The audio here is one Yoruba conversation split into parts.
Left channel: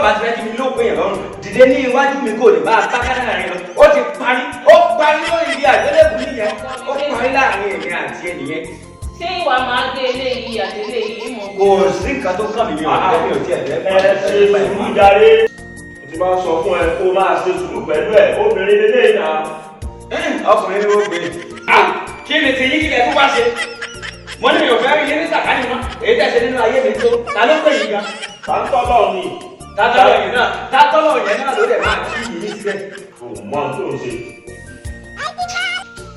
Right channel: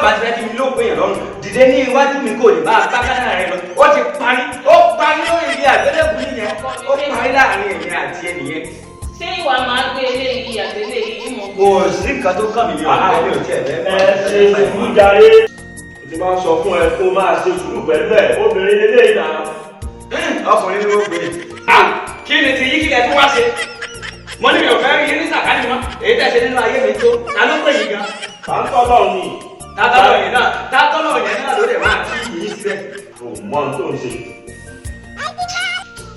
ọba ti fẹ́ kí mi ló pé yàn lọ́rùn dìde ní iwájú mi kò lè máa bá kádàrá rẹ lọ ó ti parí lórí ibi àgbélébùú nìyẹn ó parí láàrin èmi àti ẹnìyẹn. ṣé ìwà máa gbé eléyìí àti eléyìí mọ̀. kò sí nǹkan tó kàn mí ní ọ̀rẹ́ mi ò tiẹ̀ fẹ́. ẹ ṣe ìlú jàre o ti máa ń sọ fún ẹ kó máa ṣe sùúrù pẹ̀lú ẹ obìnrin lélẹ́yìn náà. ọkùnrin ló gbé kí ni ti yí kílẹ̀ tó wá ṣe mo ní mi ò fẹ́ rí yín ní sàkánì mọ́ èyí tẹ̀ ṣe nínú ayé mi tó ta ló pè yín gan. tàǹtọ́lọ̀ ni. tátọ́lọ̀ yẹn náà ló dẹ̀ máa kí yín síbẹ̀. kò mọ ohun tó ń ṣe.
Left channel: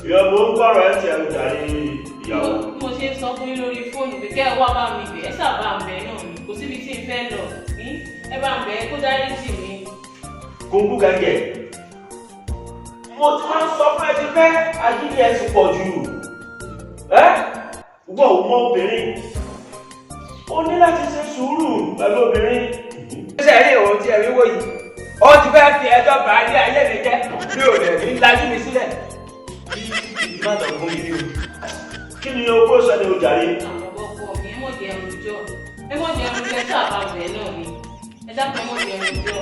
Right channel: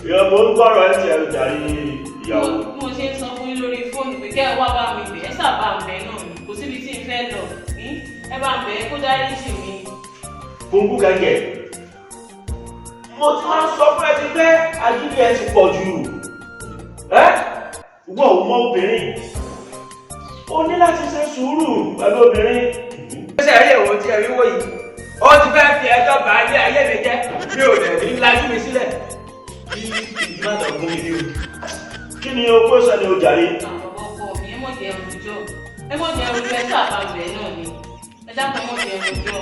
ìyọ̀bù ń tọrọ ẹ ti ẹrù jàre ìyàwó. mo ṣe ń sọ fún yín lórí fóònù pé kẹ́ ẹ wá bá mi bẹ̀ ẹ́ sábà ń bẹ̀ náà ni kò síbi tí ń fẹ́ lọ ẹ bá ń bẹ̀ ẹ́ kó dárí jì mí. kóńkú gẹ́gẹ́ mo ti máa ń sọ fún ẹ ti pé ajílẹ̀ ẹ ti pọ̀ jù wọ́n ò mọ obìnrin o ní láti ṣe sùúrù pẹ̀lú obìnrin. ó ṣe rí òun tí ẹ̀rí wò yìí ó ti fẹ́ fi ẹjọ́ bá ilé ayé mi jẹ́ mi ò lè ní lajú mi sílẹ̀. kí ni o kó ṣẹlẹ̀ o jàre. àwọn ọkọ mi ẹ mọ̀ jẹ́ ẹrùjọ́ ẹ sábà bẹ̀ náà ni ẹ dákun ẹ mọ̀ jẹ́ ẹrùjọ́.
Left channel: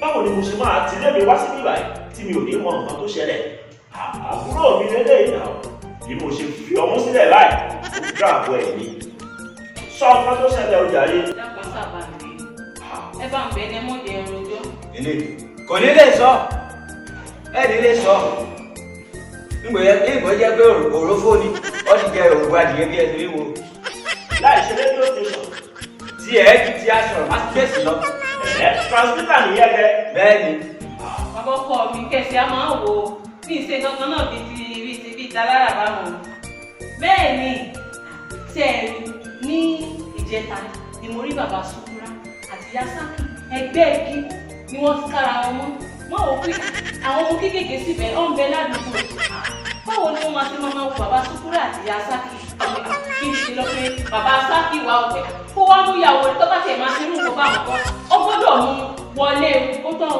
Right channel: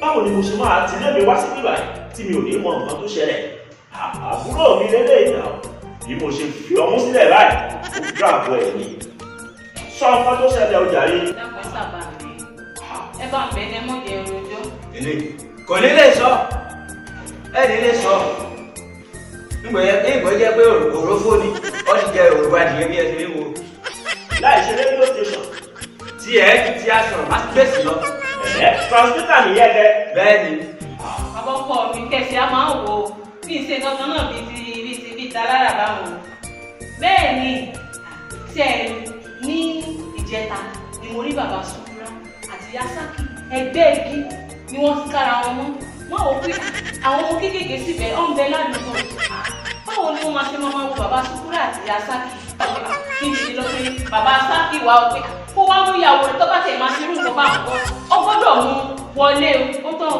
báwo ni mo ṣe máa tẹ̀lé mi wá sí bíbá yìí tí mi ò ní mọ nǹkan tó ṣẹlẹ̀ àbúrò mi lélẹ́yìn náà bí mo ṣe fi ọmú sílẹ̀ báyìí ó gbà àbọ̀ ẹ̀ ní sọ nǹkan tó ṣẹlẹ̀ o jàre. ẹ dákun ẹ sábà bẹ̀ ẹ bá ń bẹ̀ ẹ mọ̀ jẹ́ ẹrùjọ́. kò ní lè sọ ẹni lè sọ ìgbẹ́ jẹ́ pé òrófó ni ó ti jẹ òrùba nìyẹn bí ẹni wíwo. láì ṣe rédíò station. tí ẹ ju ti aṣọ àtúbẹ̀sì lọ. transmitter nìyẹn jẹ. bẹ́ẹ̀ ni. bàbá ọkọ mi kẹsì á máa ń wo bí ìṣe kankan náà bíi ta lára báwọn. bẹ́ẹ̀ ni ṣe ní ìjẹta ni mo rí bàbá Sùkúrà àti Yasaki ẹgbẹ́ igi ni wọ́n ti kára wọn mọ́ wọ́n wò pé àwọn ọmọ kéékèèké síbẹ̀ ọ̀ ń bẹ ládùúgbò báwo ni wọ́n máa ṣe máa wo bàbá Sùkúrà àti Yasaki kí n ti lọ pé bàbá Saki wà ó pé kó wá mú ìyàwó rẹ̀ tó bá tẹ̀ máa ṣe irú nǹkan bá wọn ọ gbọ́dọ̀ mú wọlé ó tọ́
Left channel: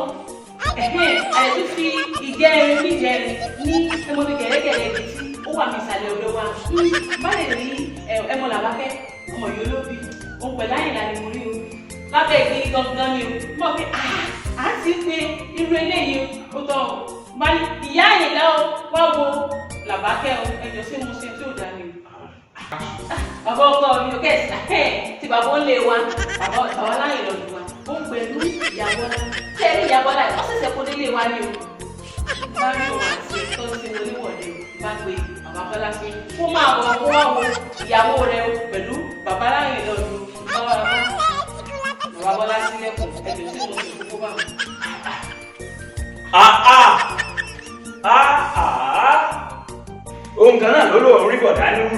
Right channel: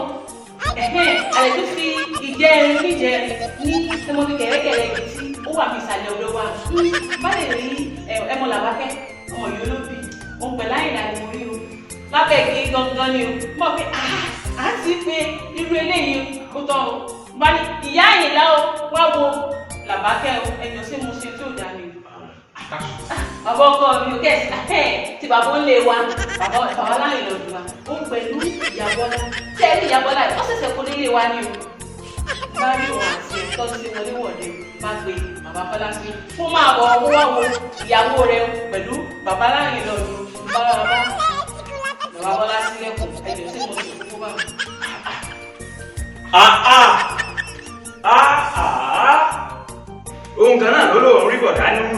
àlẹ́ tó fi ìjẹrin níjẹrin ní ẹmọbi kẹ̀rẹ́kẹ̀rẹ́ ibi tí ó wà ní ìsàlẹ̀ odò wa má lè rí ẹmọ làwákẹ́ ọmọ yìí olóbi òun pẹ̀lú àyìnlá ni mo rí o lábẹ́ igi gangan ni o mọ̀ pé à ń ti pé irú eléyìí ó tọ́ o bá ní ìyá àyìnlá o wá wo làbákẹ́ o ẹjọ́ sí mo ṣe tí ò dá ni bàbá ọkọ mi ò kẹ́sì tí bàbá ń lé wa bàbá láyé lọ́dún wa ó ń pẹ̀lú ìyàbọ̀lá tẹ́lẹ̀ ìyàbọ̀lá ó ṣẹ̀ṣẹ̀ kó nílé wa ní o láàrin òun àti ẹ̀tọ́ tí mo níwọ̀de máa pe bàbá Bọ́lá pé kó máa bọ̀ ọ́ wá wo ìyàwó rẹ pẹ̀lú bàbá láyé lọ́dún bàbá Bọ́lá sílẹ̀kùn ẹ̀jọ̀ tí mo ṣe kó bá wọn. ohun kan náà ló lóun rí bọ̀dá níwù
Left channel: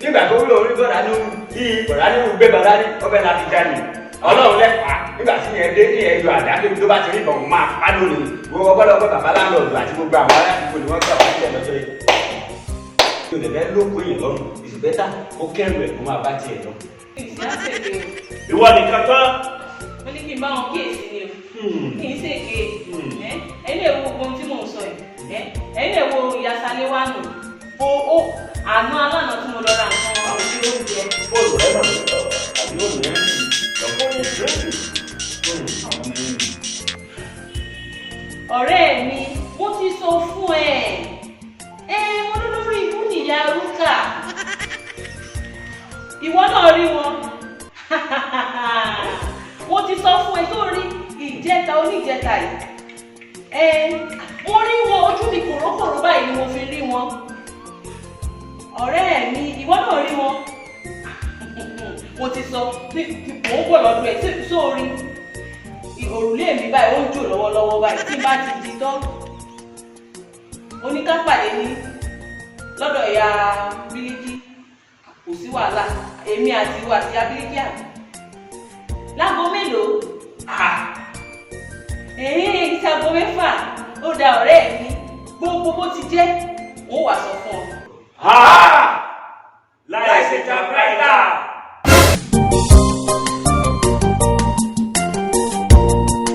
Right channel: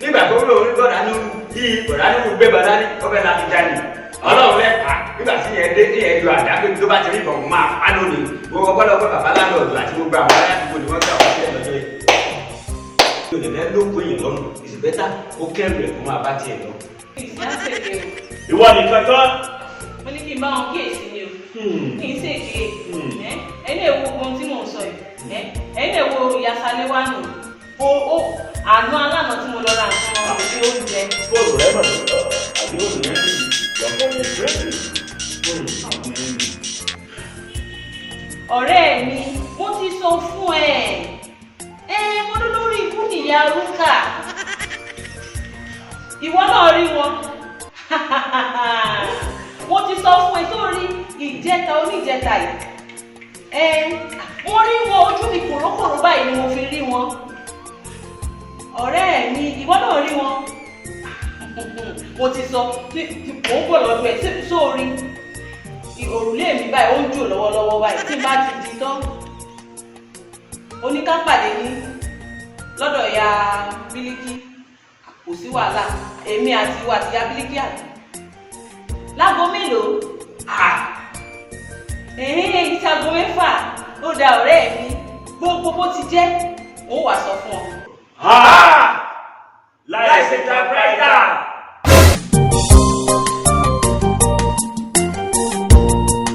nígbà tó lóun rí bọ̀dá níwù kí bọ̀dá níwù gbé bọ̀dá ní ọbẹ̀ láti já ni ọlọ́run lẹ́pà nígbà tí yẹn dé ní ẹ̀yọ àdáké tó bá ti rí ìbọn máa pa lónìí gbogbo ọgbọ́dọ̀ pé bàbá láńlọ́ọ̀dù àti gbogbo àwọn aráàlú ni wọ́n gbà wọ́n sílẹ̀ lọ́jọ́ yìí. yóò lè lẹ́ lóko yìí lọ́rùn ìsì bẹ́tà ó kẹ́rù ẹ̀ kó máa bá tiẹ̀ lọ. ìwọ nìkan tán. mo ní kí n bá wọn kíyèsí ni o kì í ṣèké ẹ̀yin lè wo ohun tí mò ń sọ yìí ẹ̀yin lè wo ìyàsálẹ̀ wà nù àná alánà tí mo lọ ra nǹkan òbí oúnjẹ. bóòlù rẹ mà ní àbí òòlù rẹ sì lọ́kọ́ ní ìrẹsì. ọ̀rẹ́ mi mo ti sọ fún mo ló lórí ikú nìyá rúkà ìwọ náà rí wọn mo ti sọ fún ẹ tó rí ìjẹta oníjẹta yìí mo rí wọn ojú mi kòrókòró báyìí ni mo fi rí wọn ọ̀rẹ́ mi ìwọ náà rí wọn mo ti sọ mò ń bọ̀ lọ́dún ẹ̀ sórí òrùlé mi báyìí ó ń jò lọ́wọ́lọ́wọ́ báyìí tí n bá ti di tán oníkápàdé ní lọ́dọ̀ ìyá Bílíkì kò sí wàhálà èmi àti ìwà àti ìyá Bílíkì àná láago mélòó ti aago 6 ó da ọ̀rẹ́ mi gbogbo bó ti jẹ́ òun wà sọ fún ọ. láì ṣe ta bírẹ́tà.